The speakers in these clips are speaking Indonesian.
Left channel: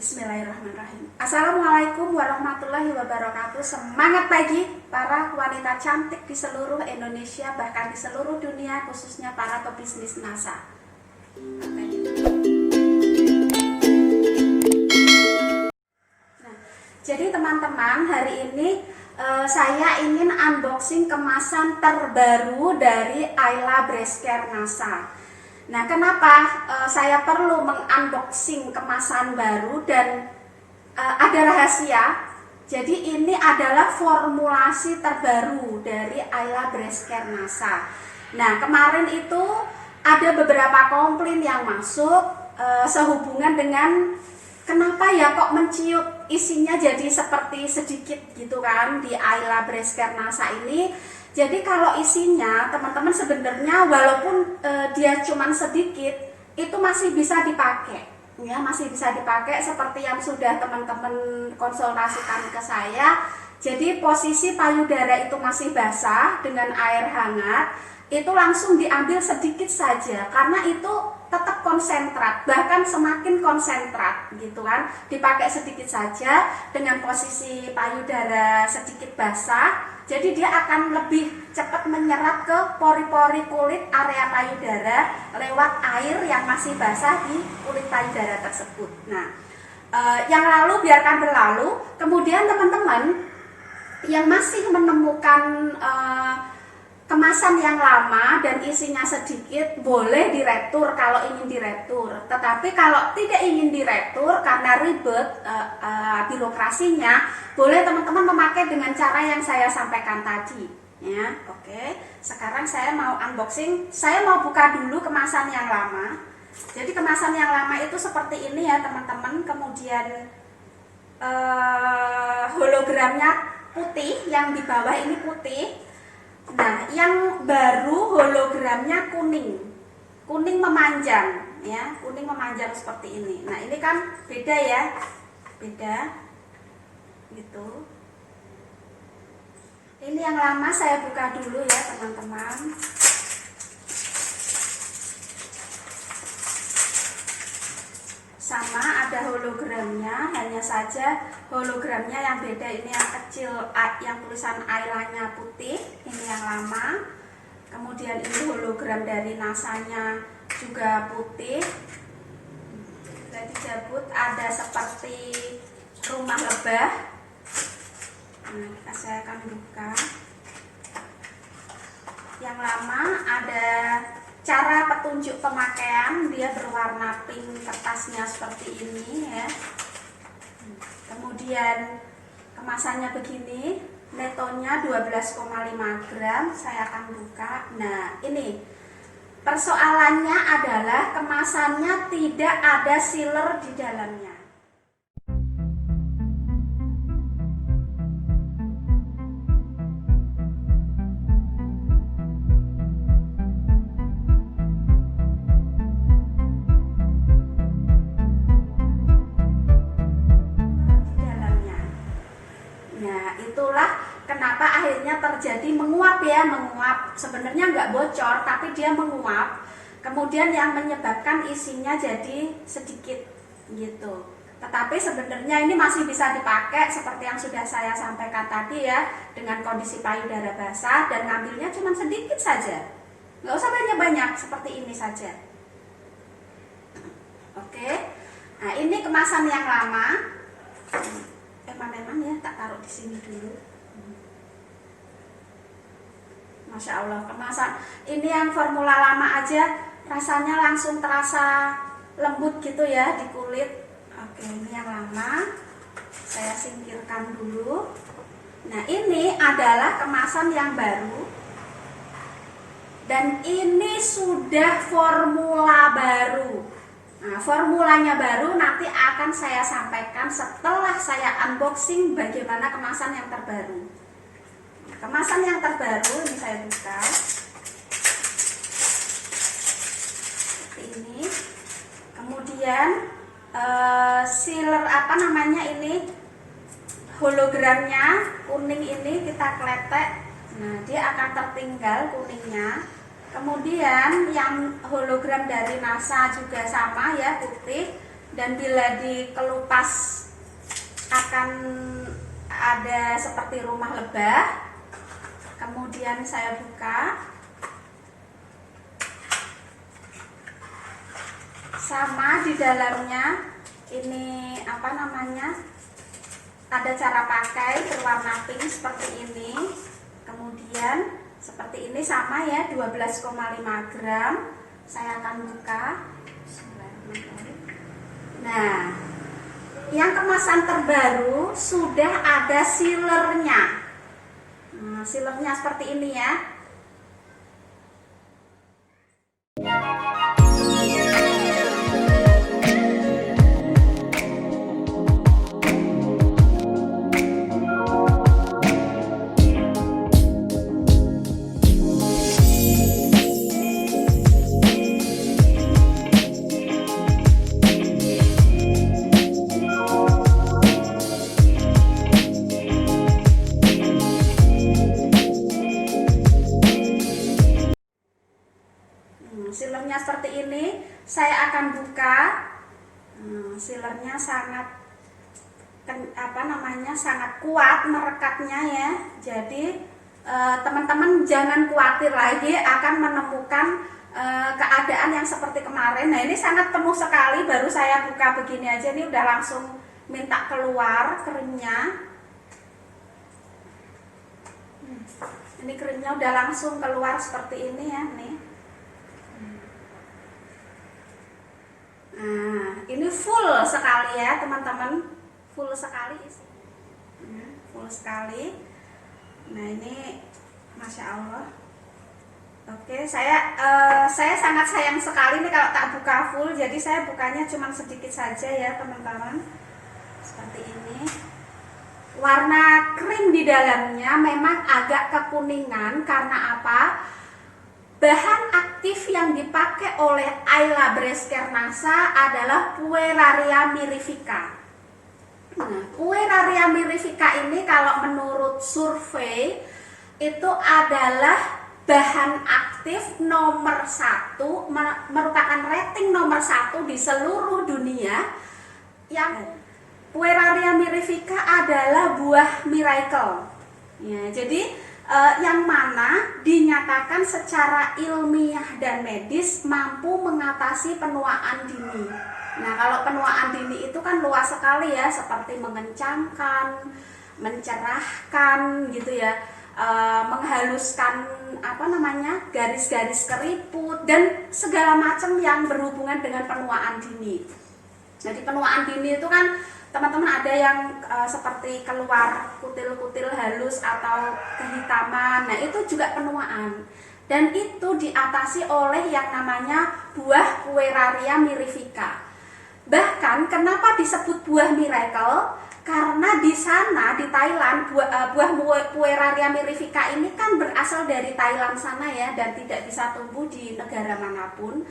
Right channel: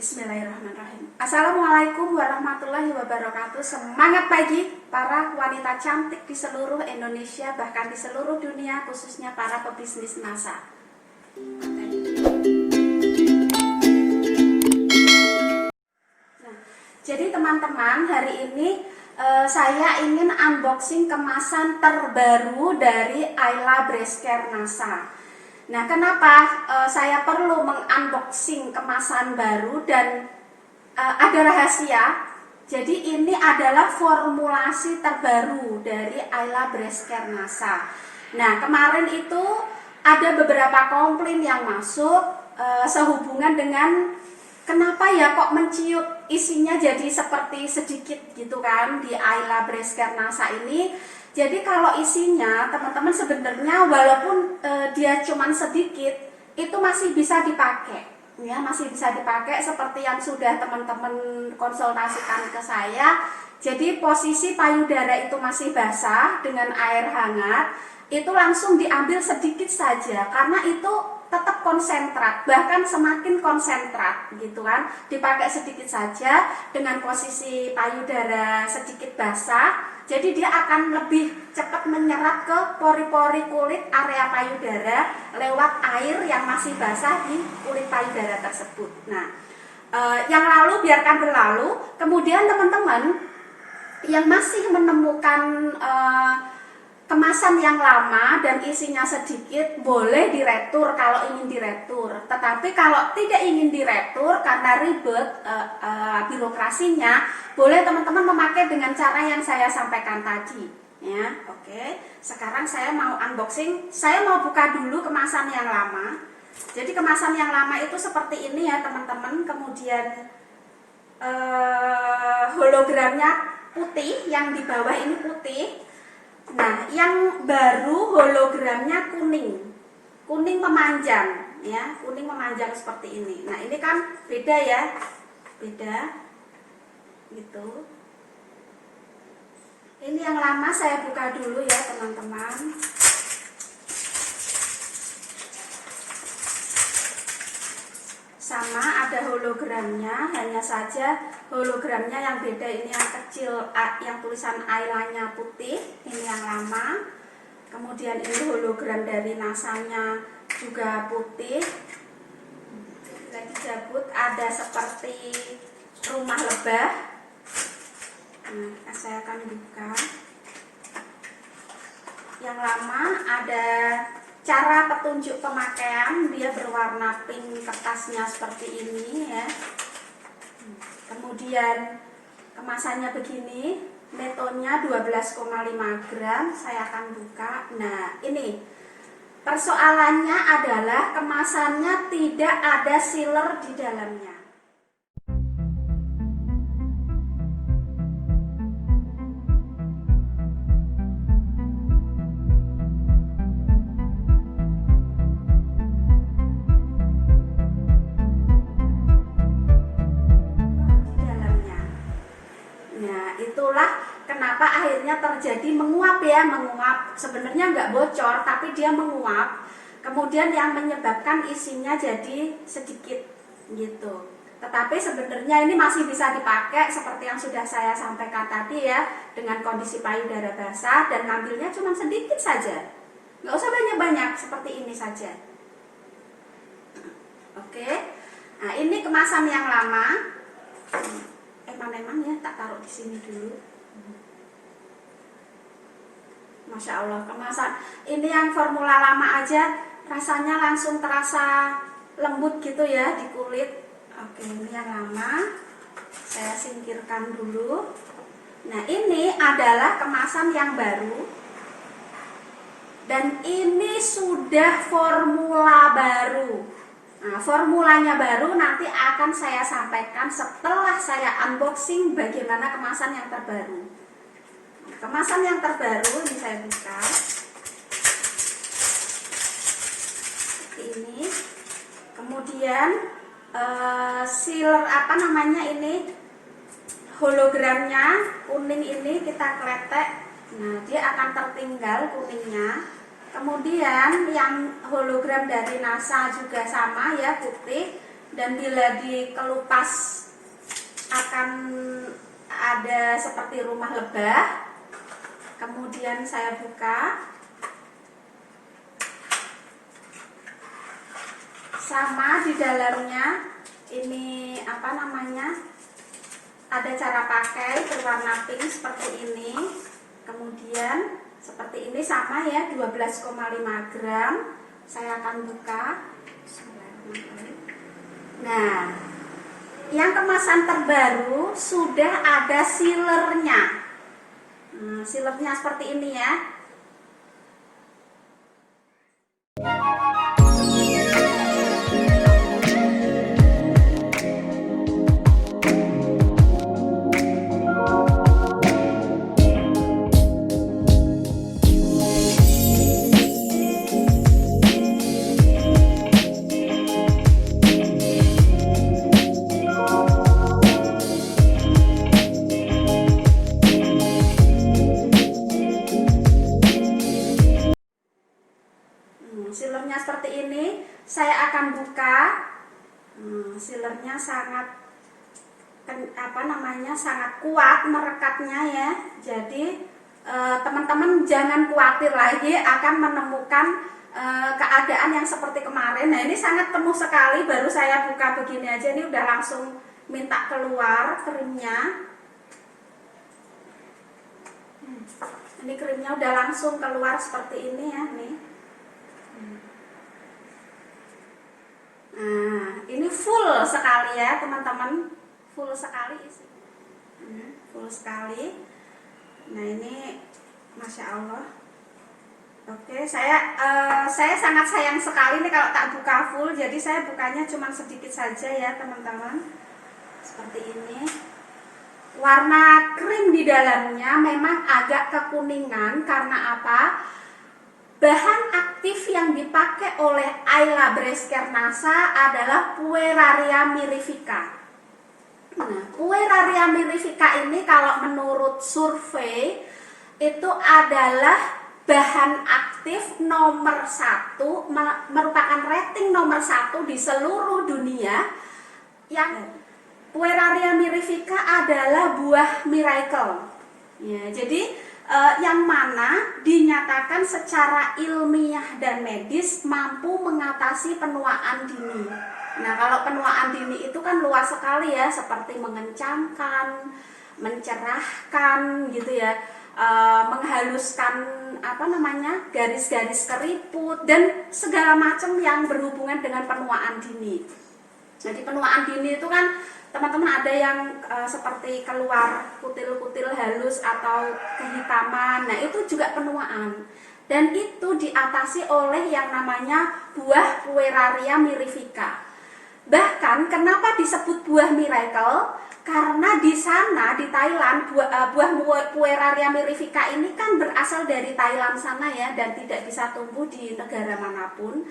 Bismillahirrahmanirrahim. Assalamualaikum warahmatullahi wabarakatuh. Semangat pagi para wanita cantik di seluruh Indonesia, bahkan di seluruh dunia, khususnya para pebisnis NASA. Nah, jadi teman-teman, hari ini saya ingin unboxing kemasan terbaru dari Ayla Breast Care NASA. Nah, kenapa saya perlu mengunboxing kemasan baru dan ada rahasia? Jadi ini adalah formulasi terbaru dari Ayla Breast Care NASA. Nah, kemarin itu ada beberapa komplain yang masuk sehubungan dengan kenapa ya kok menciut isinya jadi seperti sedikit gitu kan di Ayla Breast Care NASA ini. Jadi kalau isinya teman-teman sebenarnya walaupun dia cuman sedikit itu masih bisa dipakai ya, masih bisa dipakai seperti yang sudah teman-teman konsultasikan ke saya. Jadi posisi payudara itu masih basah dengan air hangat, itu langsung diambil sedikit saja karena itu tetap konsentrat, bahkan semakin konsentrat gitu kan. Dipakai sedikit saja dengan posisi payudara sedikit basah. Jadi dia akan lebih cepat menyerap ke pori-pori kulit area payudara lewat air yang masih basah di kulit payudara tersebut. Nah, yang lalu biarkan berlalu. Kemudian teman-teman yang masih menemukan kemasan yang lama dan isinya sedikit, boleh diretur kalau ingin diretur. Tetapi kalau tidak ingin diretur karena ribet birokrasinya, boleh teman-teman memakai dengan cara yang saya sampaikan tadi ya. Oke, sekarang saya mau unboxing. Saya mau buka dulu kemasan yang lama. Jadi kemasan yang lama itu seperti ini ya teman-teman. Kemudian hologramnya putih, yang di bawah ini putih. Nah, yang baru hologramnya kuning memanjang ya, kuning memanjang seperti ini. Nah, ini kan beda ya, beda gitu. Ini yang lama saya buka dulu ya teman-teman. Sama ada hologramnya, hanya saja hologramnya yang beda. Ini yang kecil, yang tulisan Ayla-nya putih, ini yang lama. Kemudian ini hologram dari NASA-nya juga putih. Lagi jabut ada seperti rumah lebah. Nah, saya akan buka. Yang lama ada cara petunjuk pemakaian, dia berwarna pink, kertasnya seperti ini ya. Kemudian kemasannya begini, netonya 12,5 gram. Saya akan buka. Nah, ini persoalannya adalah kemasannya tidak ada sealer di dalamnya. Itulah kenapa akhirnya terjadi menguap ya, menguap. Sebenarnya nggak bocor, tapi dia menguap. Kemudian yang menyebabkan isinya jadi sedikit gitu. Tetapi sebenarnya ini masih bisa dipakai seperti yang sudah saya sampaikan tadi ya, dengan kondisi payudara basah dan ngambilnya cuma sedikit saja. Nggak usah banyak-banyak, seperti ini saja. Oke. Nah, ini kemasan yang lama. Eman-eman ya, tak taruh di sini dulu. Masya Allah, kemasan ini yang formula lama aja rasanya langsung terasa lembut gitu ya di kulit. Oke, ini yang lama saya singkirkan dulu. Nah, ini adalah kemasan yang baru dan ini sudah formula baru. Nah, formulanya baru nanti akan saya sampaikan setelah saya unboxing bagaimana kemasan yang terbaru. Nah, kemasan yang terbaru ini saya buka. Seperti ini. Kemudian sealer apa namanya ini, hologramnya kuning ini kita kletek. Nah, dia akan tertinggal kuningnya. Kemudian yang hologram dari NASA juga sama ya, putih. dan bila dikelupas akan ada seperti rumah lebah. Kemudian saya buka, sama di dalamnya ini ada cara pakai berwarna pink seperti ini. Kemudian seperti ini sama ya, 12,5 gram. Saya akan buka. Nah, yang kemasan terbaru sudah ada sealernya. Sealernya seperti ini ya. Sealernya seperti ini, saya akan buka. Sealernya sangat sangat kuat merekatnya ya. Jadi teman-teman jangan khawatir lagi akan menemukan keadaan yang seperti kemarin. Nah, ini sangat penuh sekali, baru saya buka begini aja ini udah langsung minta keluar krimnya. Ini krimnya udah langsung keluar seperti ini ya nih. Nah, ini full sekali ya teman-teman, full sekali isinya, full sekali. Nah, ini Masya Allah. Oke, saya sangat sayang sekali nih kalau tak buka full, jadi saya bukanya cuma sedikit saja ya teman-teman. Seperti ini. Warna krim di dalamnya memang agak kekuningan karena apa? Bahan aktif yang dipakai oleh Ayla Breast Care NASA adalah Pueraria mirifica. Nah, Pueraria mirifica ini kalau menurut survei itu adalah bahan aktif nomor 1, merupakan rating nomor 1 di seluruh dunia. Yang Pueraria mirifica adalah buah miracle. Ya, jadi yang mana dinyatakan secara ilmiah dan medis mampu mengatasi penuaan dini. Nah, kalau penuaan dini itu kan luas sekali ya, seperti mengencangkan, mencerahkan gitu ya, menghaluskan garis-garis keriput dan segala macam yang berhubungan dengan penuaan dini. Jadi penuaan dini itu kan teman-teman ada yang seperti keluar kutil-kutil halus atau kehitaman. Nah, itu juga penuaan. Dan itu diatasi oleh yang namanya buah Pueraria mirifica. Bahkan kenapa disebut buah miracle? Karena di sana di Thailand buah Pueraria mirifica ini kan berasal dari Thailand sana ya, dan tidak bisa tumbuh di negara manapun.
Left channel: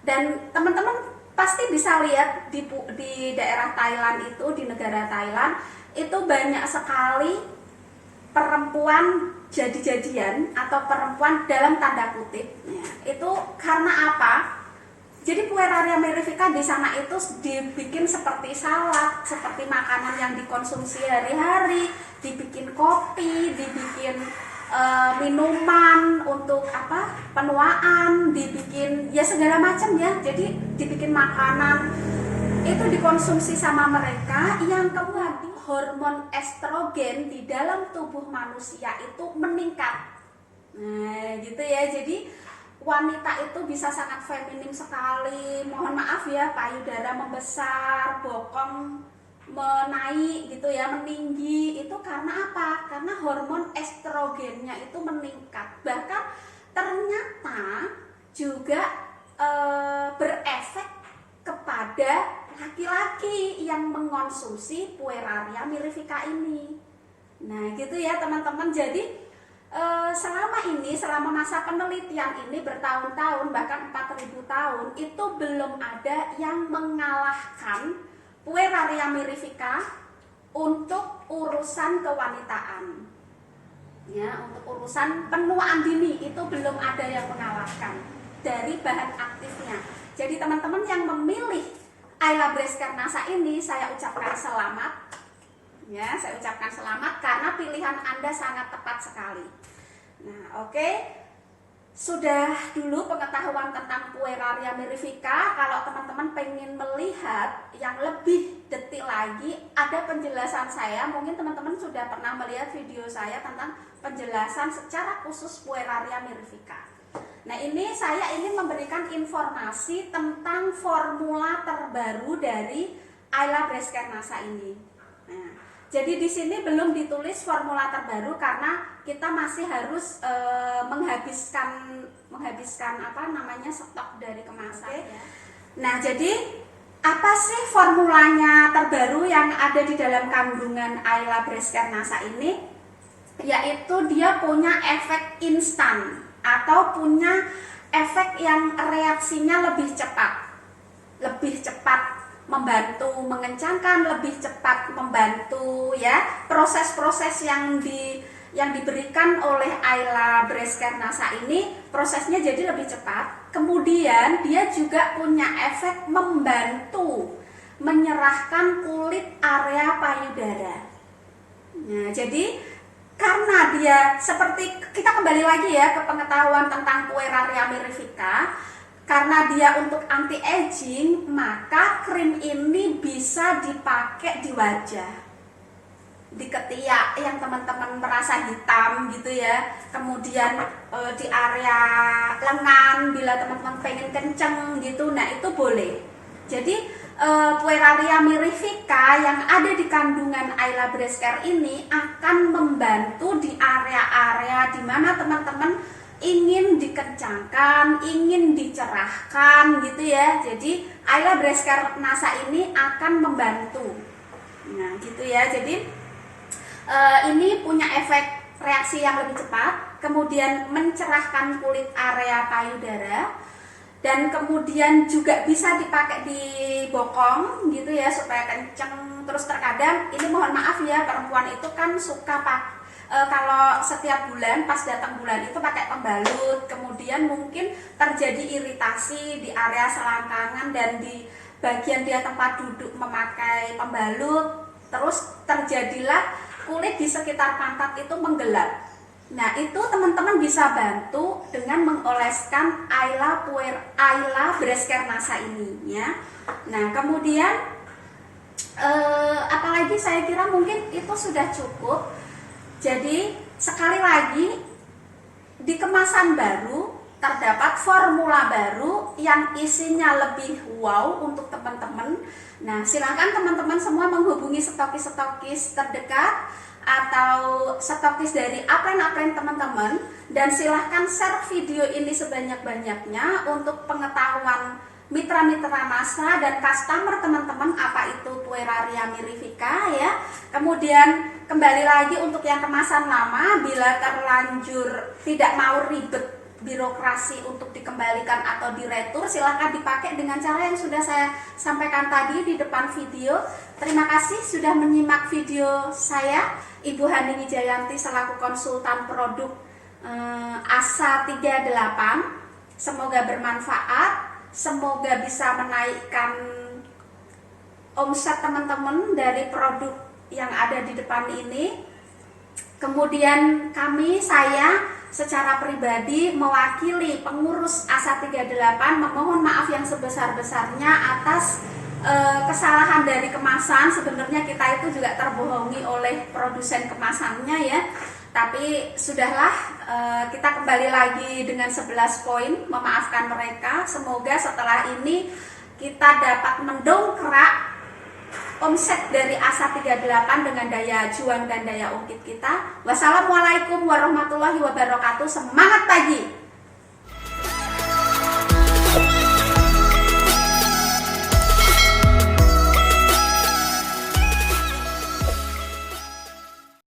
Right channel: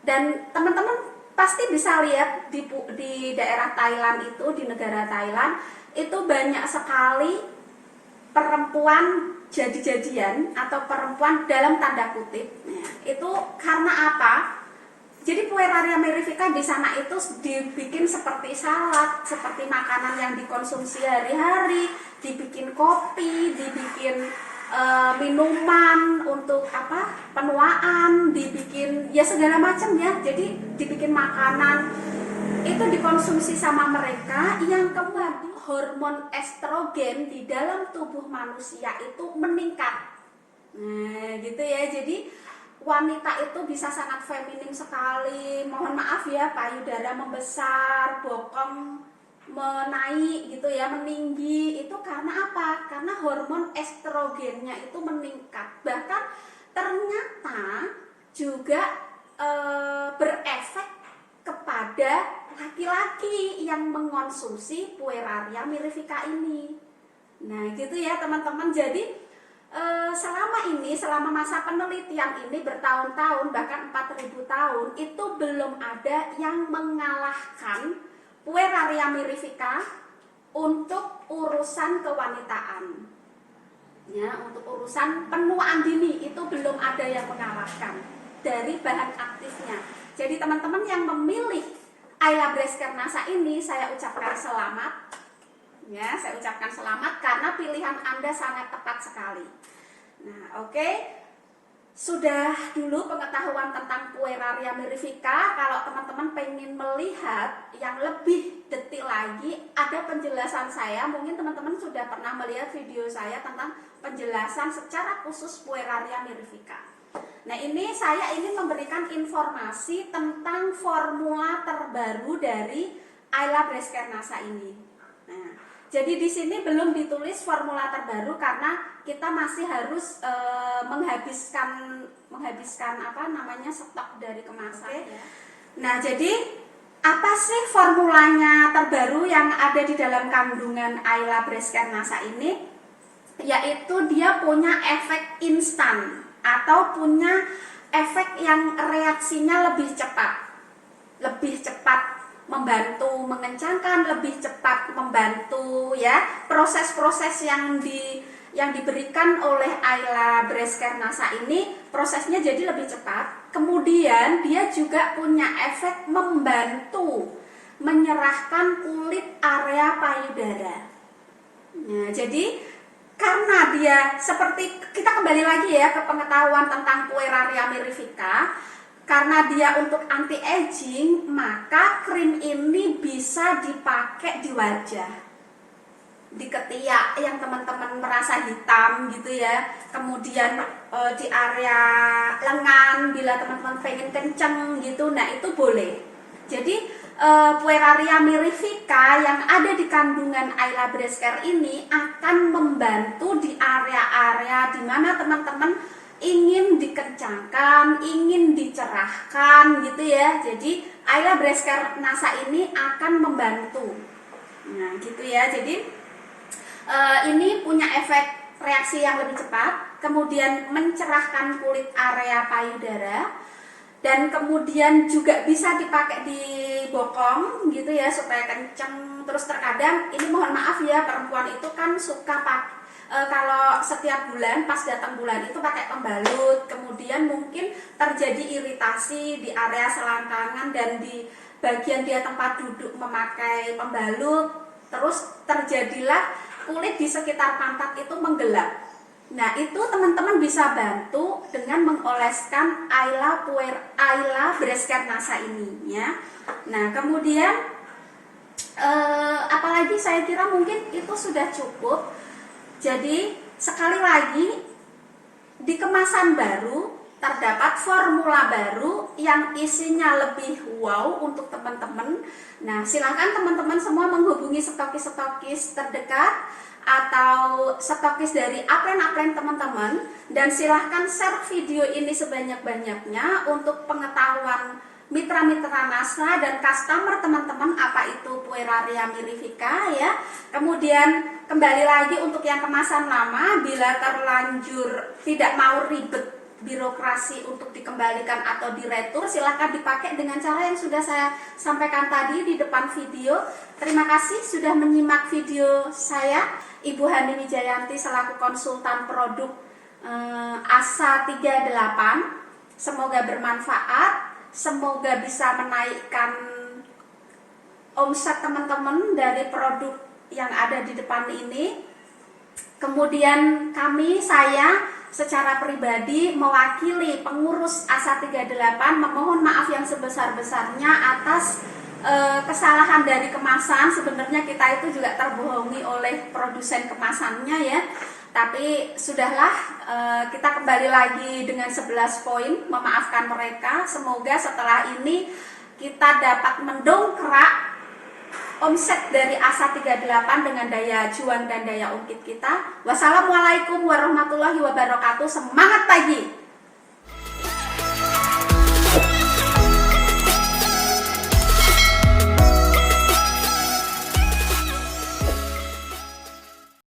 Dan teman-teman pasti bisa lihat di daerah Thailand itu, di negara Thailand itu banyak sekali perempuan jadi-jadian atau perempuan dalam tanda kutip. Ya, itu karena apa? Jadi Pueraria mirifica di sana itu dibikin seperti salad, seperti makanan yang dikonsumsi hari-hari, dibikin kopi, dibikin minuman untuk penuaan, dibikin ya segala macam ya. Jadi dibikin makanan itu dikonsumsi sama mereka, yang kemudian hormon estrogen di dalam tubuh manusia itu meningkat. Nah, gitu ya. Jadi wanita itu bisa sangat feminim sekali. Mohon maaf ya, payudara membesar, bokong menaik gitu ya, meninggi. Itu karena apa? Karena hormon estrogennya itu meningkat. Bahkan ternyata juga berefek kepada laki-laki yang mengonsumsi Pueraria mirifica ini. Nah, gitu ya teman-teman. Jadi selama masa penelitian ini bertahun-tahun, bahkan 4000 tahun, itu belum ada yang mengalahkan Pueraria mirifica untuk urusan kewanitaan. Ya, untuk urusan penuaan dini itu belum ada yang mengalahkan dari bahan aktifnya. Jadi teman-teman yang memilih Ayla Bresker Nasa ini saya ucapkan selamat. Ya, saya ucapkan selamat karena pilihan Anda sangat tepat sekali. Nah, oke. Sudah dulu pengetahuan tentang Pueraria mirifica. Kalau teman-teman pengen melihat yang lebih detail lagi, ada penjelasan saya. Mungkin teman-teman sudah pernah melihat video saya tentang penjelasan secara khusus Pueraria mirifica. Nah, ini saya ingin memberikan informasi tentang formula terbaru dari Ayla Bresker Nasa ini. Nah, jadi di sini belum ditulis formula terbaru karena kita masih harus menghabiskan apa namanya stok dari kemasan. Okay. Nah, jadi apa sih formulanya terbaru yang ada di dalam kandungan Ayla Bresker Nasa ini? Yaitu dia punya efek instan atau punya efek yang reaksinya lebih cepat membantu mengencangkan, lebih cepat membantu ya proses-proses yang diberikan oleh Ayla Bresker Nasa ini, prosesnya jadi lebih cepat. Kemudian dia juga punya efek membantu menyerahkan kulit area payudara. Nah, jadi karena dia seperti, kita kembali lagi ya ke pengetahuan tentang Pueraria mirifica. Karena dia untuk anti aging, maka krim ini bisa dipakai di wajah, di ketiak yang teman-teman merasa hitam gitu ya, kemudian di area lengan bila teman-teman pengen kenceng gitu, nah itu boleh. Jadi Pueraria mirifica yang ada di kandungan Ayla Bresker ini akan membantu di area-area di mana teman-teman ingin dikencangkan, ingin dicerahkan gitu ya. Jadi Ayla Bresker Nasa ini akan membantu. Nah, gitu ya. Jadi ini punya efek reaksi yang lebih cepat, kemudian mencerahkan kulit area payudara, dan kemudian juga bisa dipakai di bokong gitu ya supaya kenceng. Terus terkadang ini mohon maaf ya, perempuan itu kan suka pakai kalau setiap bulan pas datang bulan itu pakai pembalut, kemudian mungkin terjadi iritasi di area selangkangan dan di bagian dia tempat duduk memakai pembalut, terus terjadilah kulit di sekitar pantat itu menggelap. Nah, itu teman-teman bisa bantu dengan mengoleskan Ayla Bresker Nasa ini ya. Nah, kemudian apalagi saya kira mungkin itu sudah cukup. Jadi sekali lagi, di kemasan baru terdapat formula baru yang isinya lebih wow untuk teman-teman. Nah, silakan teman-teman semua menghubungi stokis-stokis terdekat atau stokis dari upline teman-teman, dan silahkan share video ini sebanyak-banyaknya untuk pengetahuan mitra-mitra Nasa dan customer teman-teman apa itu Pueraria mirifica ya. Kemudian kembali lagi untuk yang kemasan lama, bila terlanjur tidak mau ribet birokrasi untuk dikembalikan atau diretur, silahkan dipakai dengan cara yang sudah saya sampaikan tadi di depan video. Terima kasih sudah menyimak video saya, Ibu Hani Wijayanti selaku konsultan produk ASA 38. Semoga bermanfaat. Semoga bisa menaikkan omset teman-teman dari produk yang ada di depan ini. Kemudian saya secara pribadi mewakili pengurus ASA 38 memohon maaf yang sebesar-besarnya atas kesalahan dari kemasan. Sebenarnya kita itu juga terbohongi oleh produsen kemasannya ya. Tapi sudahlah, kita kembali lagi dengan 11 poin memaafkan mereka. Semoga setelah ini kita dapat mendongkrak omset dari ASA 38 dengan daya juang dan daya ungkit kita. Wassalamualaikum warahmatullahi wabarakatuh. Semangat pagi!